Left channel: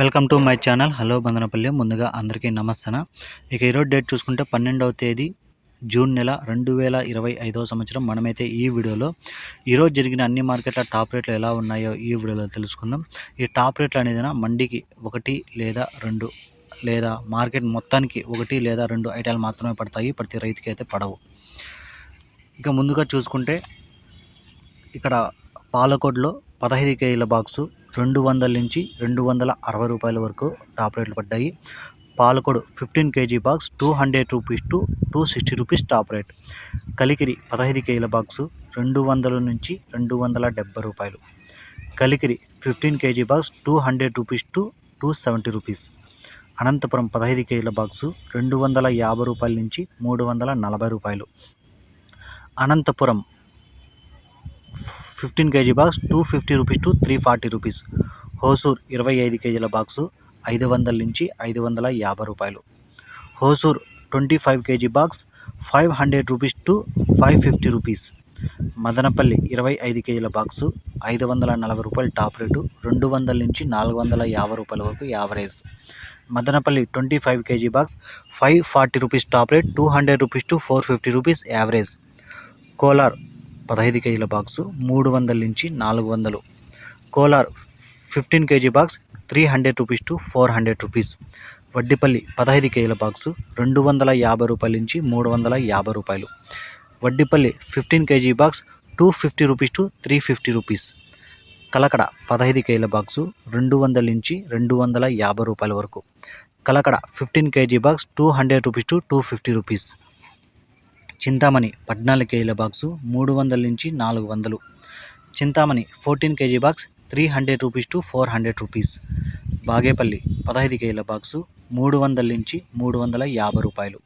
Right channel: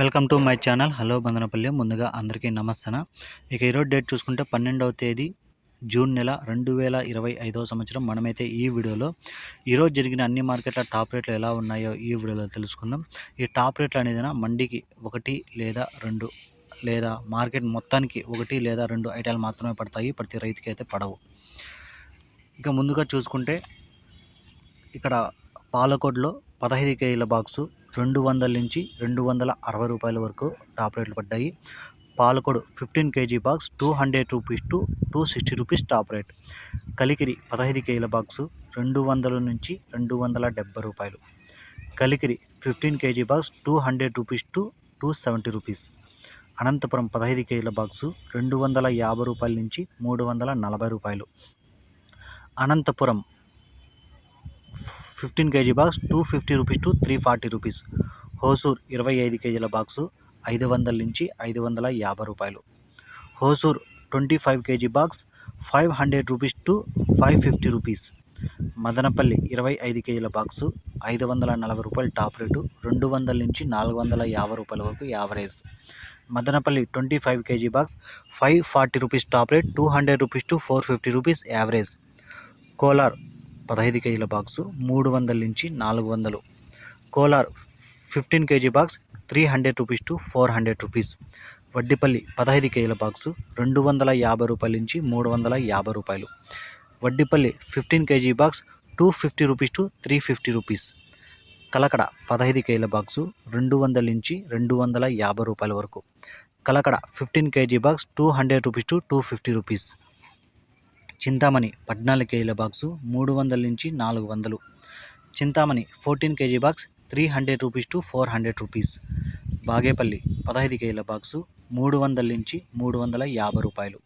Welcome to my channel. Hello Bandanapalli ముందుగా అందరికీ నమస్తన. ఇక ఈరోజు డేట్ చూసుకుంటే పన్నెండవ తేదీ జూన్ నెల రెండు వేల ఇరవై ఐదవ సంవత్సరం. మనమైతే ఈ వీడియోలో ఈరోజు జరిగిన అన్ని మార్కెట్ల టాప్ రేట్లు ఎలా ఉన్నాయో ఈ వీడియోలో తెలుసుకుందాం. ఈ టాప్ రేట్లు అనేది మండికి ఒకటి లేదా రెండు లేదా మార్కెట్ మొత్తానికి ఒకటి లేదా రెండు ఐటాలు మాత్రమే పడతాయి. ప్రతి రైతుకి అయితే పడవు. ఇక ముందుగా చూసుకుంటే ఇక్కడ పాలకోడ్లో పదహైదు కేజీల బాక్సు రెండు వందల నుంచి రెండు వందల అరవై రూపాయల వరకు టాప్ రేట్లు పడ్డాయి. Palakodu fifteen kg box two hundred rupees to two sixty rupees top rate. Kalikiri పదహైదు కేజీల బాక్సు రెండు వందల నుంచి రెండు వందల డెబ్బై రూపాయలు. Kalikiri fifteen kg box two hundred rupees to two seventy rupees. Anantapuram పదహైదు కేజీల బాక్సు రెండు వందల యాభై రూపాయల నుంచి మూడు వందల నలభై రూపాయలు. Anantapuram fifteen kg box two fifty rupees to three forty rupees. Hosur ఇరవై ఐదు కేజీల బాక్సు ఐదు వందల నుంచి ఐదు వందల యాభై రూపాయలు. Hosur twenty five kg box five hundred rupees to five fifty rupees. Madanapalli ఇరవై ఐదు కేజీల బాక్సు ఐదు వందల నలభై రూపాయలు టాప్ రేటు రెండు వందల నుంచి నాలుగు వందల యాభై రూపాయల వరకు average. Madanapalli twenty five kg box five forty rupees top rate two hundred rupees to four fifty rupees average. Kolar పదహైదు కేజీల బాక్సు మూడు వందల నుంచి నాలుగు వందలు. Kolar fifteen kg box three hundred rupees to four hundred rupees. Vaddipalli పదహైదు కేజీల box రెండు వందల యాభై రూపాయల నుంచి మూడు వందల యాభై రూపాయలు. Vaddipalli fifteen kg box two fifty rupees to three fifty rupees. Kalakada పదహైదు కేజీల బాక్సు రెండు వందల నుంచి రెండు వందల యాభై రూపాయల వరకు. Kalakada fifteen kg box two hundred rupees to two fifty rupees. Chintamani పద్నాలుగు కేజీల బాక్సు మూడు వందల నుంచి నాలుగు వందలు. Chintamani fourteen kg box three hundred rupees to four hundred rupees. Bagepalli పదహైదు కేజీల బాక్సు మూడు వందల నుంచి మూడు వందల యాభై రూపాయలు.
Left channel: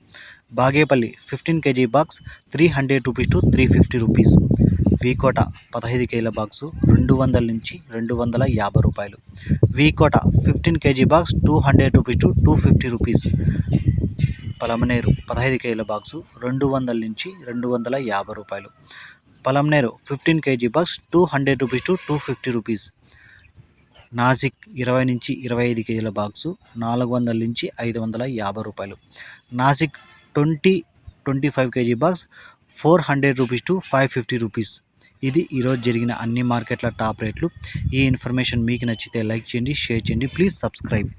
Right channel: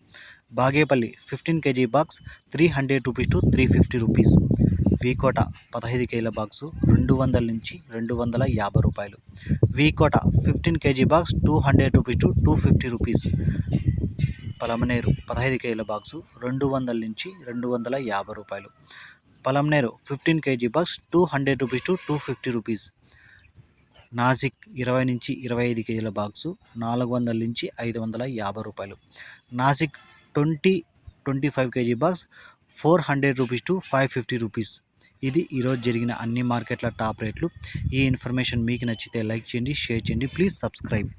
Bagepalli fifteen kg box three hundred rupees to three fifty rupees. V Kota పదహైదు కేజీల బాక్సు రెండు వందల నుంచి రెండు వందల యాభై రూపాయలు. V Kota fifteen kg box two hundred rupees to two fifty rupees. Palamaneru పదహైదు కేజీల బాక్సు రెండు వందల నుంచి రెండు వందల యాభై రూపాయలు. Palamaneru fifteen kg box two hundred rupees to two fifty rupees. Nasik ఇరవై నుంచి ఇరవై ఐదు కేజీల బాక్సు నాలుగు వందల నుంచి ఐదు వందల యాభై రూపాయలు. Nasik twenty twenty five kg box four hundred rupees to five fifty rupees. ఇది ఈరోజు జరిగిన అన్ని మార్కెట్ల టాప్ రేట్లు. ఈ ఇన్ఫర్మేషన్ మీకు నచ్చితే లైక్ చేయండి షేర్ చేయండి. Please subscribe.